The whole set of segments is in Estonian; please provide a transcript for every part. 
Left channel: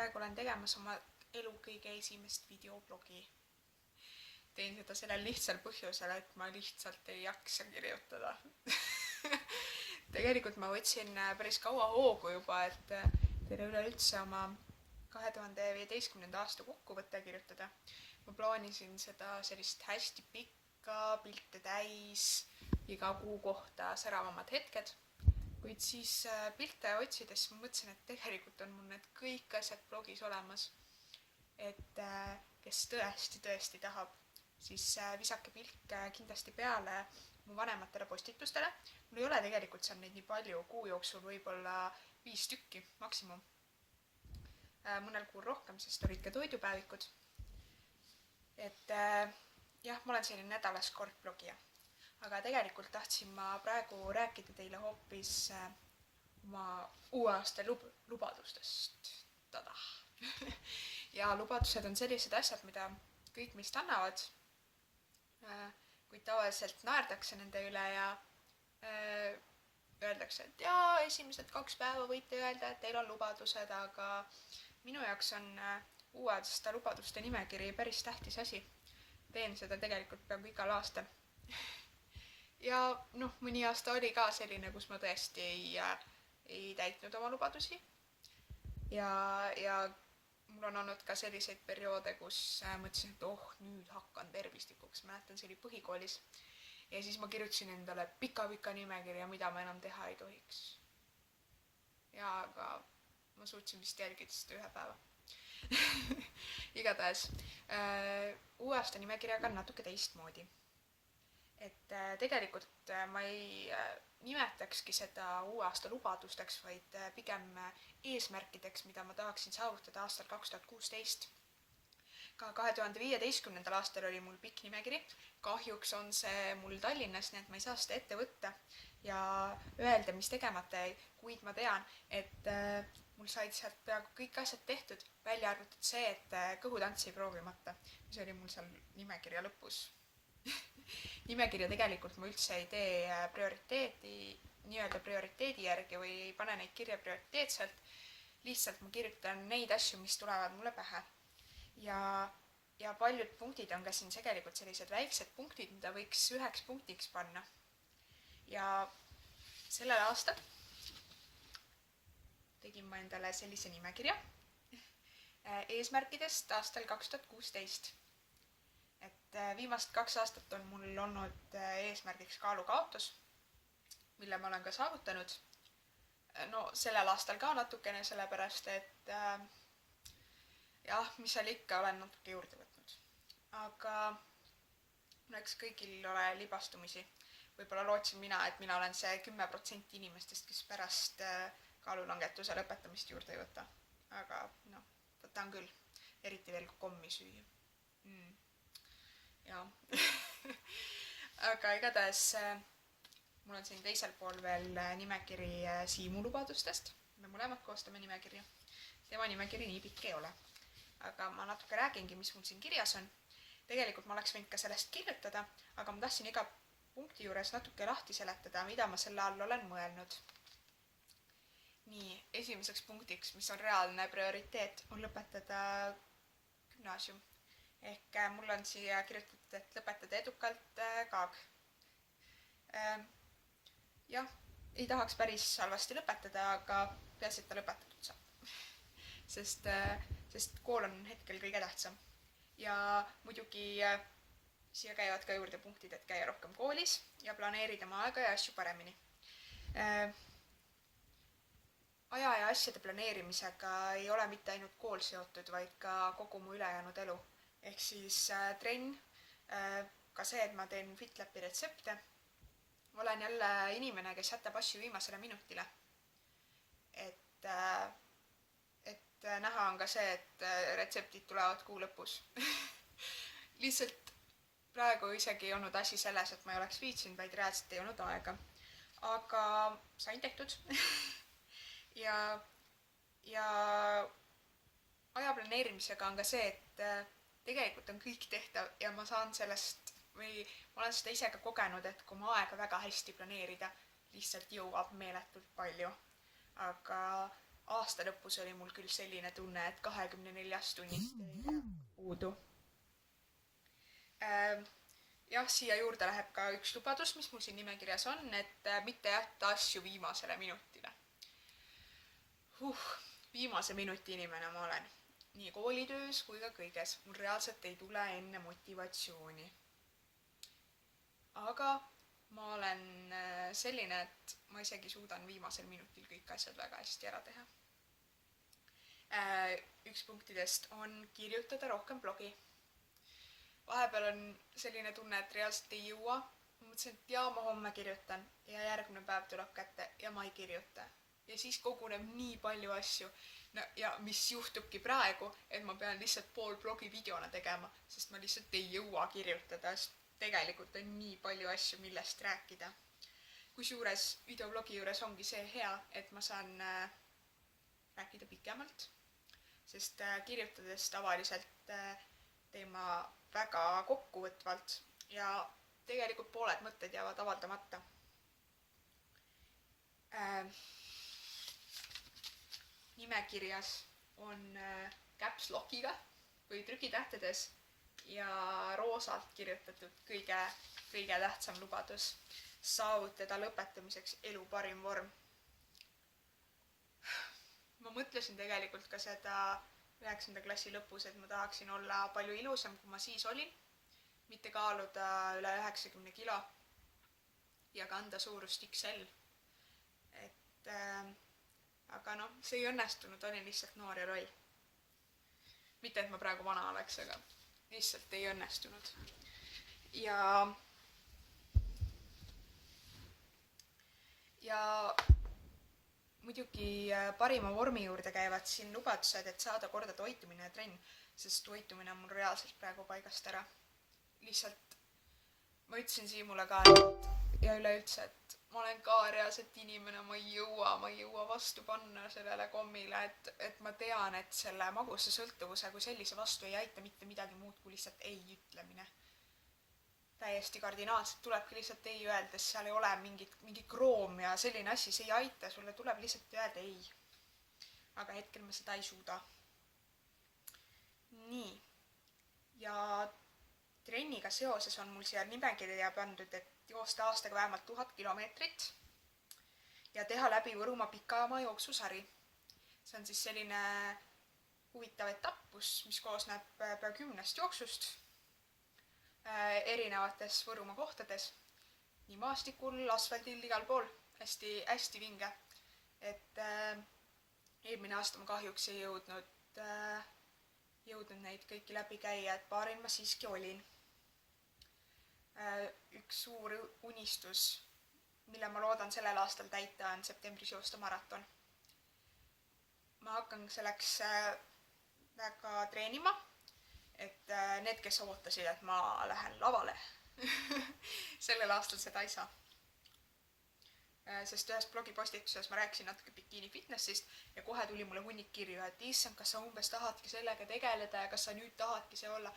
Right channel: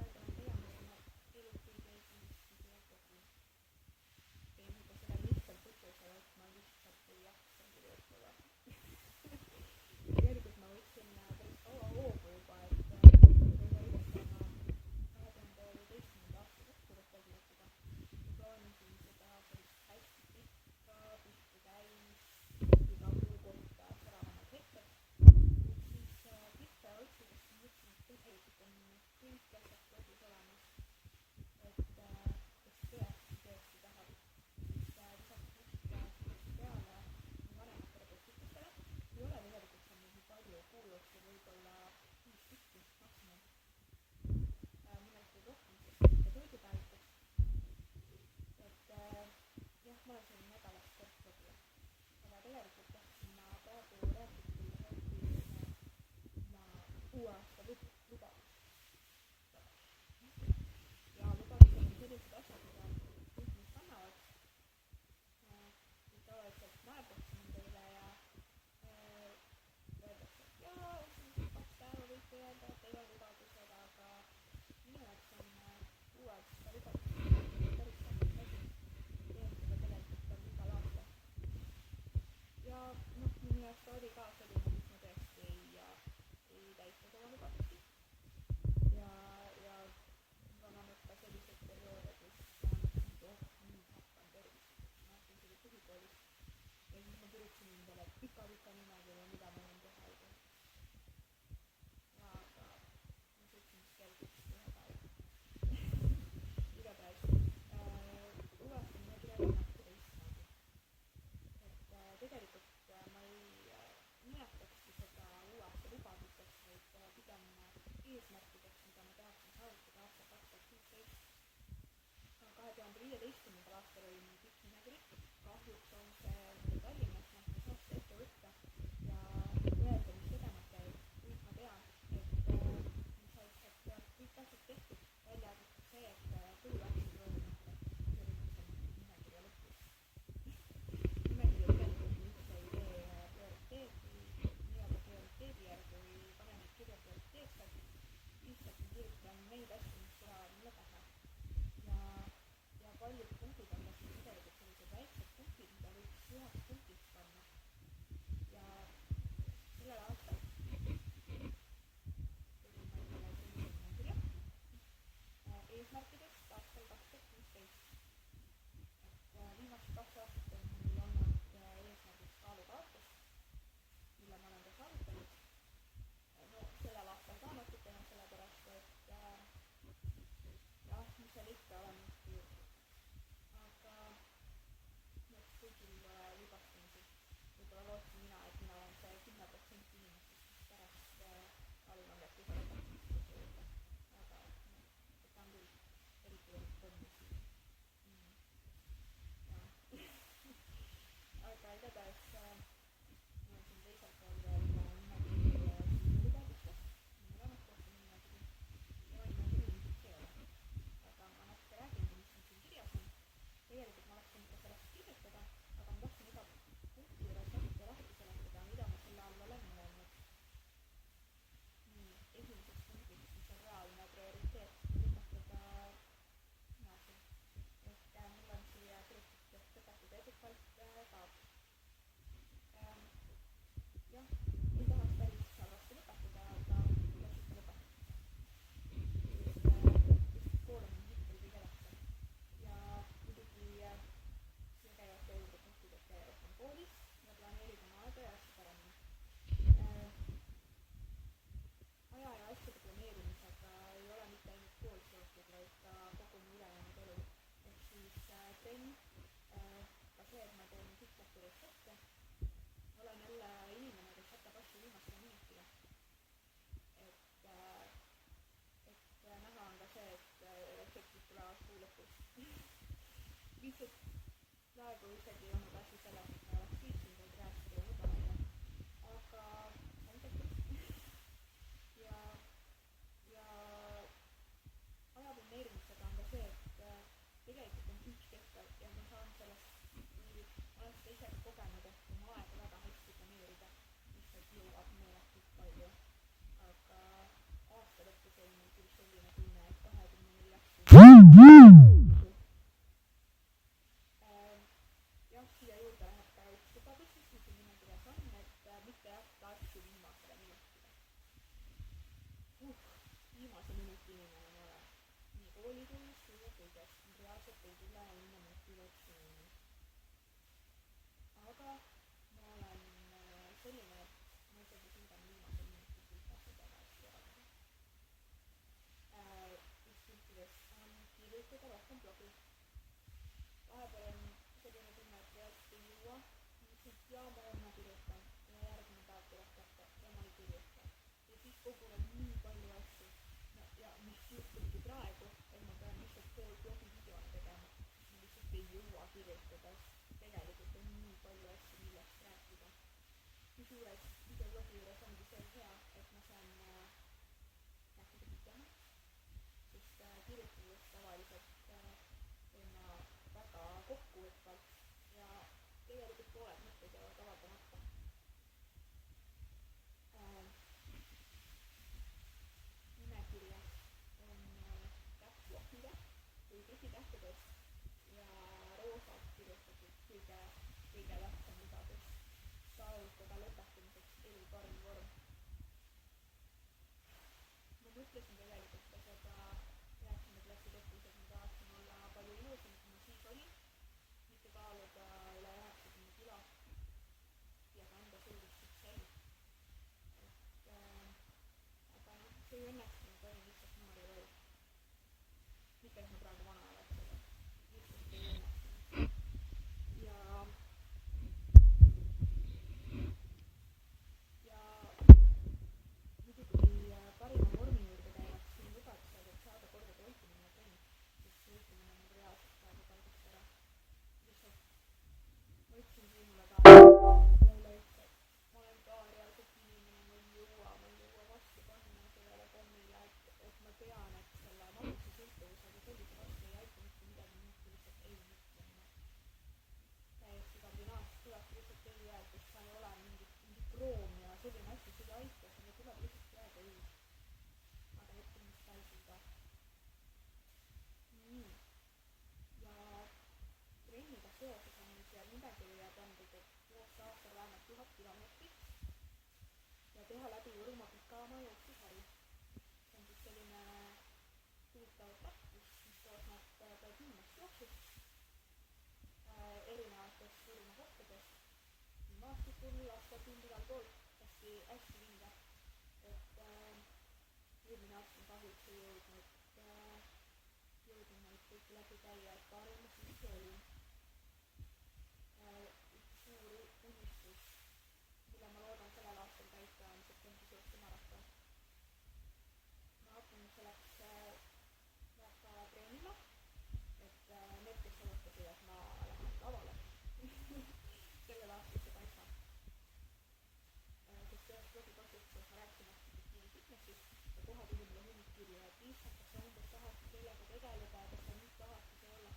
praegu olen tegemas oma elu kõige esimest videoblogi. Teen seda sellel lihtsal põhjusel, et ma lihtsalt ei jaksa kirjutada. Tegelikult ma võtsin päris kaua hoogu juba, et teile üleüldse oma 2015. aasta kokkuvõtte kirjutada. Ma plaanisin seda sellist hästi pikka, pilte täis, iga kuu kohta säravamad hetked. Kuid siis pilte otsides ma mõtlesin, et tegelikult on mul need kõik asjad blogis olemas. Et kes tõesti tahab, siis visake pilk kindlasti peale mu vanematele postitustele. Mul ei ole tegelikult seal neid nii palju, kuu jooksul võib-olla 5 tükki maksimum. Mõnel kuul rohkem, sest olid ka toidupäevikud. Et jah, ma olen selline nädalas kord blogija. Aga tegelikult tahtsin ma praegu rääkida teile hoopis oma uue aasta lubadustest. Tada! Ja lubadused on sellised asjad, mida kõik meist annavad, kuid tavaliselt naerdakse nende üle ja öeldakse, et jaa, esimesed 2 päeva võite öelda, et teil on lubadused, aga minu jaoks on uue aasta lubaduste nimekiri päris tähtis asi. Teen seda tegelikult peaaegu igal aastal. Ja mõni aasta oli ka selline, kus ma tõesti ei täitnud oma lubadusi. Ja mul on olnud ka selliseid perioode, kus mõtlesin, et nüüd hakkan tervislikuks. Mäletan, see oli põhikoolis. Ja siis ma kirjutasin endale pika nimekirja, mida ma enam teha ei tohiks. Ja aga ma suutsin vist jälgida seda 1 päeva. Igatahes, uue aasta nimekirjaga on natuke teistmoodi. Et tegelikult ma ei nimetakski seda uue aasta lubadusteks, vaid pigem eesmärkideks, mida ma tahaksin saavutada aastal 2016. Ka 2015. aastal oli mul pikk nimekiri. Kahjuks on see mul Tallinnas, nii et ma ei saa seda ette võtta ja öelda, mis tegemata jäi, kuid ma tean, et mul said sealt peaaegu kõik asjad tehtud, välja arvatud see, et kõhutants ei proovimata. See oli mul seal nimekirja lõpus. Nimekirja tegelikult ma üldse ei tee prioriteedi järgi või ei pane neid kirja prioriteetselt. Lihtsalt ma kirjutan neid asju, mis tulevad mulle pähe. Ja paljud punktid on ka siin tegelikult sellised väiksed punktid, mida võiks 1 punktiks panna. Ja sellel aastal tegin ma endale sellise nimekirja eesmärkidest aastal 2016. Et viimast 2 aastat on mul olnud eesmärgiks kaalukaotus, mille ma olen ka saavutanud. Sellel aastal ka natukene, sellepärast, et jah, mis seal ikka olen natuke juurde võtnud. Aga eks kõigil ole libastumisi. Võib-olla lootsin mina, et mina olen see 10% inimestest, kes pärast kaalulangetuse lõpetamist juurde ei võta. Aga võtan küll, eriti veel kui kommi süüa. Ja. Aga igatahes mul on siin teisel pool veel nimekiri Siimu lubadustest. Me mõlemad koostame nimekirja. Tema nimekiri nii pikk ei ole. Aga ma natuke räägingi, mis mul siin kirjas on. Tegelikult ma oleks võinud ka sellest kirjutada, aga ma tahtsin iga punkti juures natuke lahti seletada, mida ma selle all olen mõelnud. Nii, esimeseks punktiks, mis on reaalne prioriteet, on lõpetada gümnaasium. Ehk mul on siia kirjutatud, et lõpetada edukalt kaag. Jah, ei tahaks päris halvasti lõpetada, aga peaasi, et ta lõpetatud saab. Sest kool on hetkel kõige tähtsam. Ja muidugi siia käivad ka juurde punktid, et käia rohkem koolis ja planeerida oma aega ja asju paremini. Aja ja asjade planeerimisega ei ole mitte ainult kool seotud, vaid ka kogu mu ülejäänud elu. Ehk siis trenn, ka see, et ma teen FitLapi retsepte. Olen jälle inimene, kes jätab asju viimasele minutile. Et näha on ka see, et retseptid tulevad kuu lõpus. Lihtsalt praegu isegi ei olnud asi selles, et ma ei oleks viitsinud, vaid reaalselt ei olnud aega. Aga sain tehtud. Ja aja planeerimisega on ka see, et tegelikult on kõik tehtav ja ma saan sellest või ma olen seda ise ka kogenud, et kui ma aega väga hästi planeerida, lihtsalt jõuab meeletult palju. Aga aasta lõpus oli mul küll selline tunne, et 24 tundi puudu. Jah, siia juurde läheb ka üks lubadus, mis mul siin nimekirjas on, et mitte jätta asju viimasele minutile. Viimase minuti inimene ma olen. Nii koolitöös kui ka kõiges. Mul reaalselt ei tule enne motivatsiooni. Aga ma olen selline, et ma isegi suudan viimasel minutil kõik asjad väga hästi ära teha. Üks punktidest on kirjutada rohkem blogi. Vahepeal on selline tunne, et reaalselt ei jõua. Ma mõtlesin, et ma homme kirjutan ja järgmine päev tuleb kätte ja ma ei kirjuta. Ja siis koguneb nii palju asju. No, ja mis juhtubki praegu, et ma pean lihtsalt pool blogi videona tegema, sest ma lihtsalt ei jõua kirjutada, sest tegelikult on nii palju asju, millest rääkida. Kusjuures videoblogi juures ongi see hea, et ma saan rääkida pikemalt, sest kirjutades tavaliselt teen ma väga kokkuvõtvalt ja tegelikult pooled mõtted jäävad avaldamata. Nimekirjas on caps lockiga või trükitähtedes ja roosalt kirjutatud kõige tähtsam lubadus saavutada lõpetamiseks elu parim vorm. Ma mõtlesin tegelikult ka seda 9. klassi lõpus, et ma tahaksin olla palju ilusam, kui ma siis olin, mitte kaaluda üle 90 kilo ja kanda suurust XL. Aga see ei õnnestunud, olin lihtsalt noor ja roll. Mitte, et ma praegu vana oleks, aga lihtsalt ei õnnestunud. Ja muidugi parima vormi juurde käivad siin lubadused, et saada korda toitumine ja trenn, sest toitumine on mul reaalselt praegu paigast ära. Lihtsalt ma ütlesin Siimule ka ja üleüldse, et ma olen ka reaalselt inimene, ma ei jõua vastu panna sellele kommile, et ma tean, et selle magusa sõltuvuse kui sellise vastu ei aita mitte midagi muud kui lihtsalt ei ütlemine. Täiesti kardinaalselt tulebki lihtsalt ei öeldes, seal ei ole mingi kroom ja selline asi, see ei aita, sulle tuleb lihtsalt öelda ei. Aga hetkel ma seda ei suuda. Nii. Ja trenniga seoses on mul siia nimekirja pandud, et joosta aastaga vähemalt 1000 kilomeetrit ja teha läbi Võrumaa pikamaa jooksusari. See on siis selline huvitav etappus, mis koosneb pea 10 jooksust erinevates Võrumaa kohtades. Nii maastikul, asfaldil, igal pool. Hästi vinge. Et eelmine aasta ma kahjuks ei jõudnud neid kõiki läbi käia, et paaril ma siiski olin. Üks suur unistus, mille ma loodan sellel aastal täita, on septembris joosta maraton. Ma hakkan selleks väga treenima, et need, kes ootasid, et ma lähen lavale, sellel aastal seda ei saa. Sest ühes blogipostituses ma rääkisin natuke bikiini fitnessist ja kohe tuli mulle hunnik kirju, et issand, kas sa umbes tahadki sellega tegeleda ja kas sa nüüd tahadki see olla.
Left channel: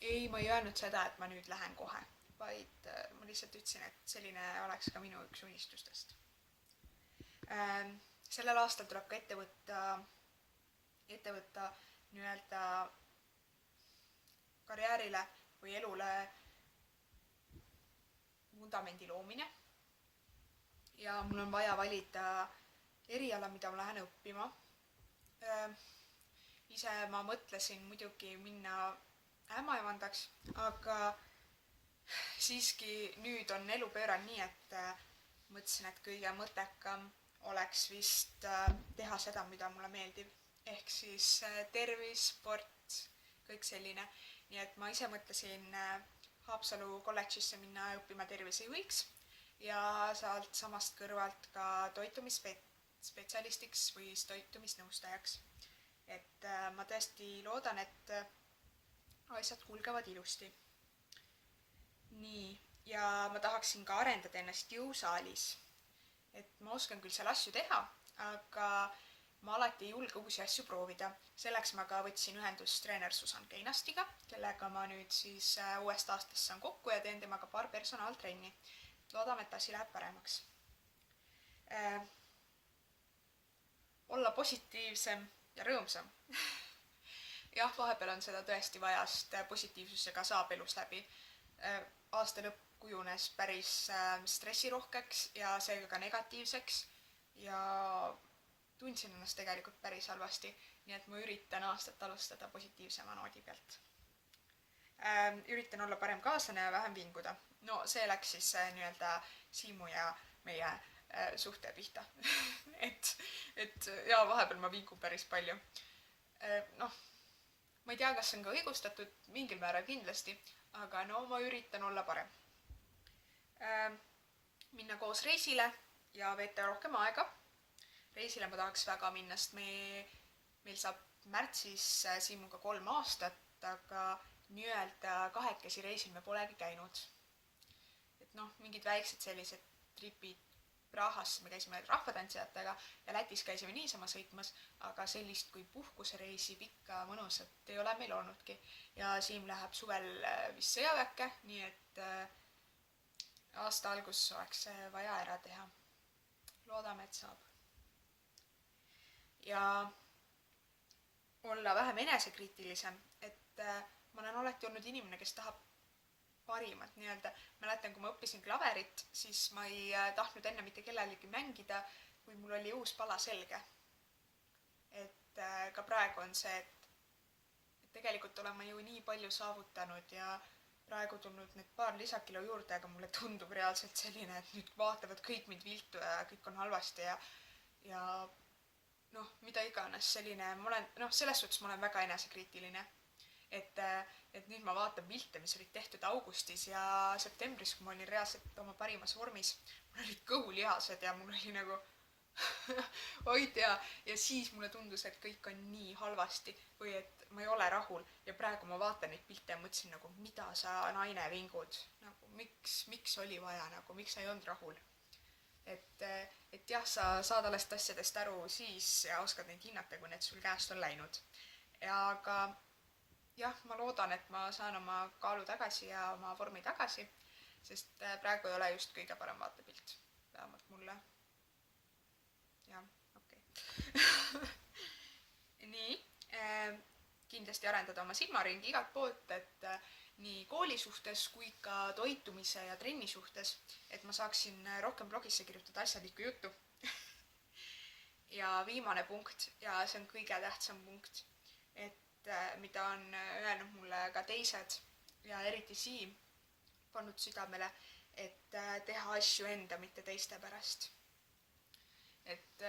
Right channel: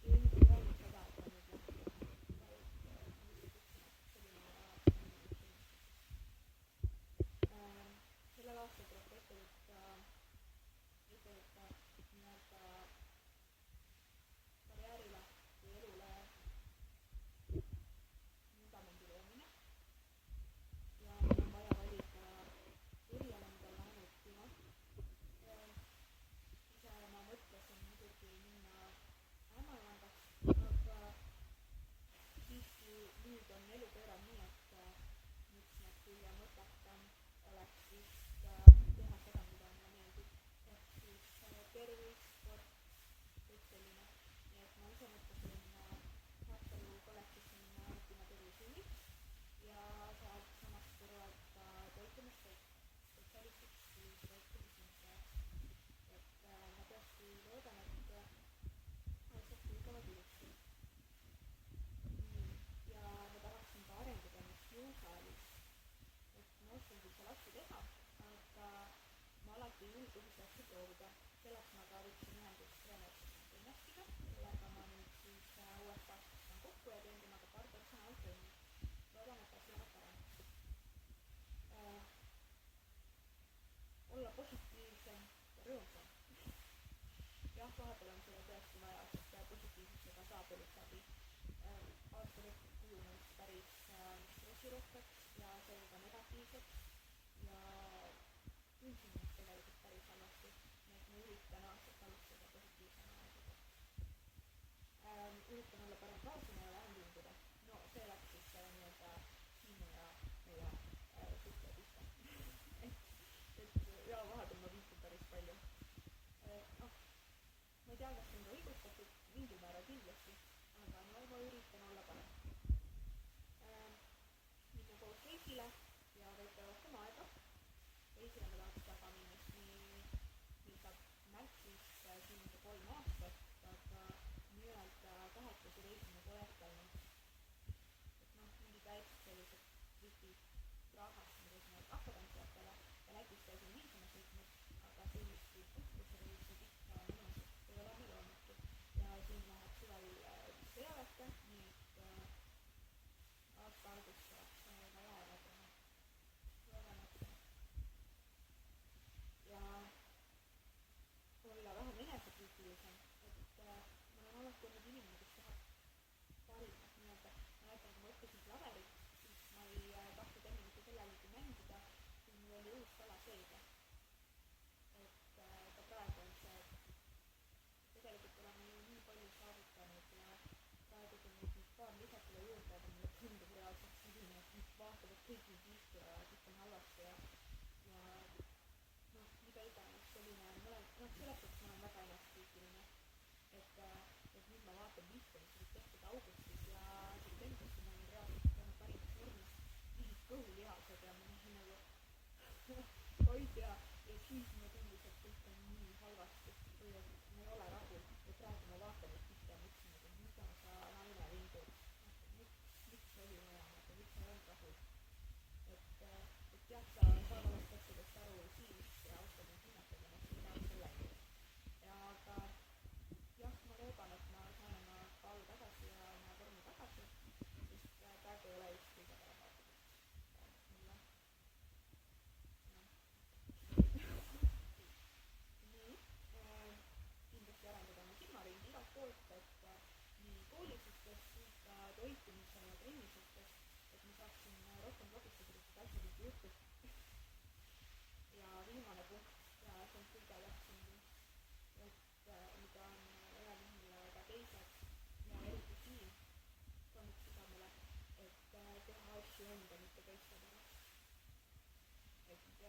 Ei, ma ei öelnud seda, et ma nüüd lähen kohe, vaid ma lihtsalt ütlesin, et selline oleks ka minu üks unistustest. Sellel aastal tuleb ka ette võtta nii-öelda karjäärile või elule vundamendi loomine. Ja mul on vaja valida eriala, mida ma lähen õppima. Ise ma mõtlesin muidugi minna ämmaemandaks, aga siiski nüüd on elu pööranud nii, et mõtlesin, et kõige mõttekam oleks vist teha seda, mida mulle meeldib. Ehk siis tervis, sport, kõik selline. Nii et ma ise mõtlesin Haapsalu kolledžisse minna õppima tervisejuhiks ja sealt samast kõrvalt ka toitumisspetsialistiks või toitumisnõustajaks. Et ma tõesti loodan, et asjad kulgevad ilusti. Nii, ja ma tahaksin ka arendada ennast jõusaalis. Et ma oskan küll seal asju teha, aga ma alati ei julge uusi asju proovida. Selleks ma ka võtsin ühendust treener Susan Keinastiga, kellega ma nüüd siis uuest aastast saan kokku ja teen temaga paar personaaltrenni. Loodame, et asi läheb paremaks. olla positiivsem ja rõõmsam. Jah, vahepeal on seda tõesti vaja, sest positiivsusega saab elus läbi. Aasta lõpp kujunes päris stressirohkeks ja seega ka negatiivseks ja tundsin ennast tegelikult päris halvasti, nii et ma üritan aastat alustada positiivsema noodi pealt. Üritan olla parem kaaslane ja vähem vinguda. No see läks siis nii-öelda Siimu ja meie suhte pihta. et ja vahepeal ma vingun päris palju. Ma ei tea, kas see on ka õigustatud, mingil määral kindlasti, aga no ma üritan olla parem. Minna koos reisile ja veeta rohkem aega. Reisile ma tahaks väga minna, sest meil saab märtsis Siimuga 3 aastat, aga nii-öelda kahekesi reisil me polegi käinud. Et mingid väiksed sellised tripid Prahasse me käisime rahvatantsijatega ja Lätis käisime niisama sõitmas, aga sellist kui puhkusereisi pikka mõnusat ei ole meil olnudki. Ja Siim läheb suvel vist sõjaväkke, nii et aasta algus oleks vaja ära teha. Loodame, et saab. Ja olla vähem enesekriitilisem, et ma olen alati olnud inimene, kes tahab parimat nii-öelda. Mäletan, kui ma õppisin klaverit, siis ma ei tahtnud enne mitte kellelegi mängida, kui mul oli uus pala selge. Et ka praegu on see, et tegelikult olen ma ju nii palju saavutanud ja praegu tulnud need paar lisakilo juurde, aga mulle tundub reaalselt selline, et nüüd vaatavad kõik mind viltu ja kõik on halvasti ja mida iganes selline. Selles suhtes ma olen väga enesekriitiline. Et nüüd ma vaatan pilte, mis olid tehtud augustis ja septembris, kui ma olin reaalselt oma parimas vormis. Mul olid kõhulihased ja mul oli nagu oid ja siis mulle tundus, et kõik on nii halvasti või et ma ei ole rahul. Ja praegu ma vaatan neid pilte ja mõtlesin nagu, mida sa naine vingud. Miks oli vaja, miks sa ei olnud rahul. Et jah, sa saad alles asjadest aru siis ja oskad neid hinnata, kui need sul käest on läinud. Aga jah, ma loodan, et ma saan oma kaalu tagasi ja oma vormi tagasi, sest praegu ei ole just kõige parem vaatepilt. Vähemalt mulle. Jah, okei. Nii, kindlasti arendada oma silmaringi igalt poolt, et nii kooli suhtes kui ka toitumise ja trenni suhtes, et ma saaksin rohkem blogisse kirjutada asjalikku juttu. Ja viimane punkt, ja see on kõige tähtsam punkt, et mida on öelnud mulle ka teised ja eriti Siim pannud südamele, et teha asju enda, mitte teiste pärast. Et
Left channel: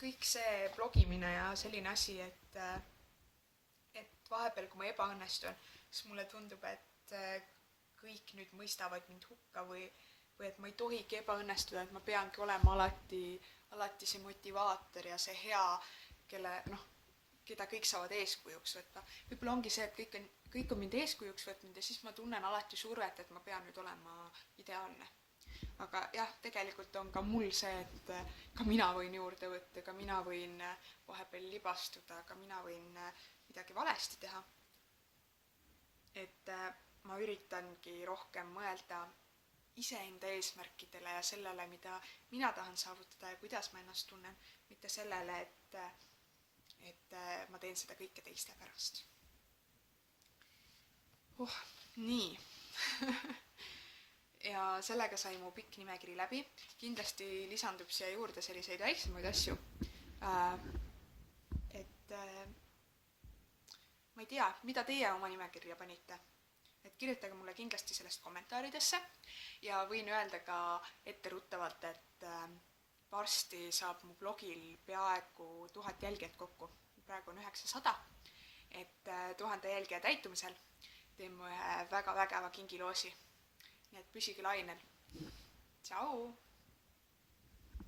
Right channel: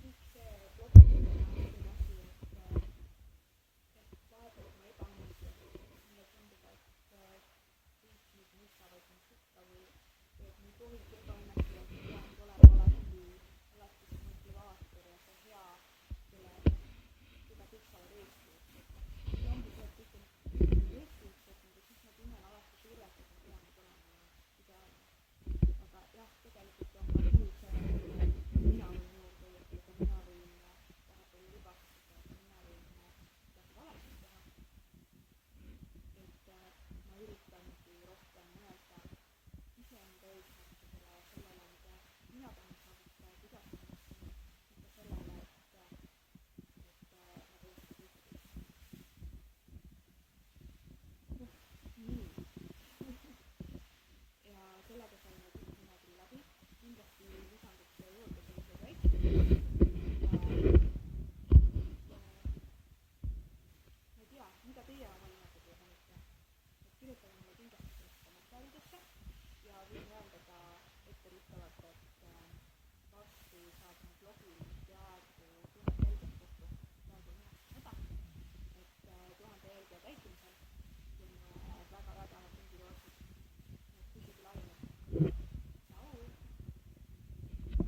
kõik see blogimine ja selline asi, et vahepeal, kui ma ebaõnnestun, siis mulle tundub, et kõik nüüd mõistavad mind hukka või et ma ei tohigi ebaõnnestuda, et ma peangi olema alati see motivaator ja see hea, keda kõik saavad eeskujuks võtta. Võib-olla ongi see, et kõik on mind eeskujuks võtnud ja siis ma tunnen alati survet, et ma pean nüüd olema ideaalne. Aga jah, tegelikult on ka mul see, et ka mina võin juurde võtta, ka mina võin vahepeal libastuda, ka mina võin midagi valesti teha. Et ma üritangi rohkem mõelda iseenda eesmärkidele ja sellele, mida mina tahan saavutada ja kuidas ma ennast tunnen, mitte sellele, et ma teen seda kõike teiste pärast. Nii. Ja sellega sai mu pikk nimekiri läbi. Kindlasti lisandub siia juurde selliseid väiksemaid asju. Ma ei tea, mida teie oma nimekirja panite. Et kirjutage mulle kindlasti sellest kommentaaridesse ja võin öelda ka etteruttavalt, et varsti saab mu blogil peaaegu 1000 jälgijat kokku. Praegu on 900. Et 1000 jälgija täitumisel teen mu ühe väga vägeva kingiloosi. Nii et püsige lainel. Tšau!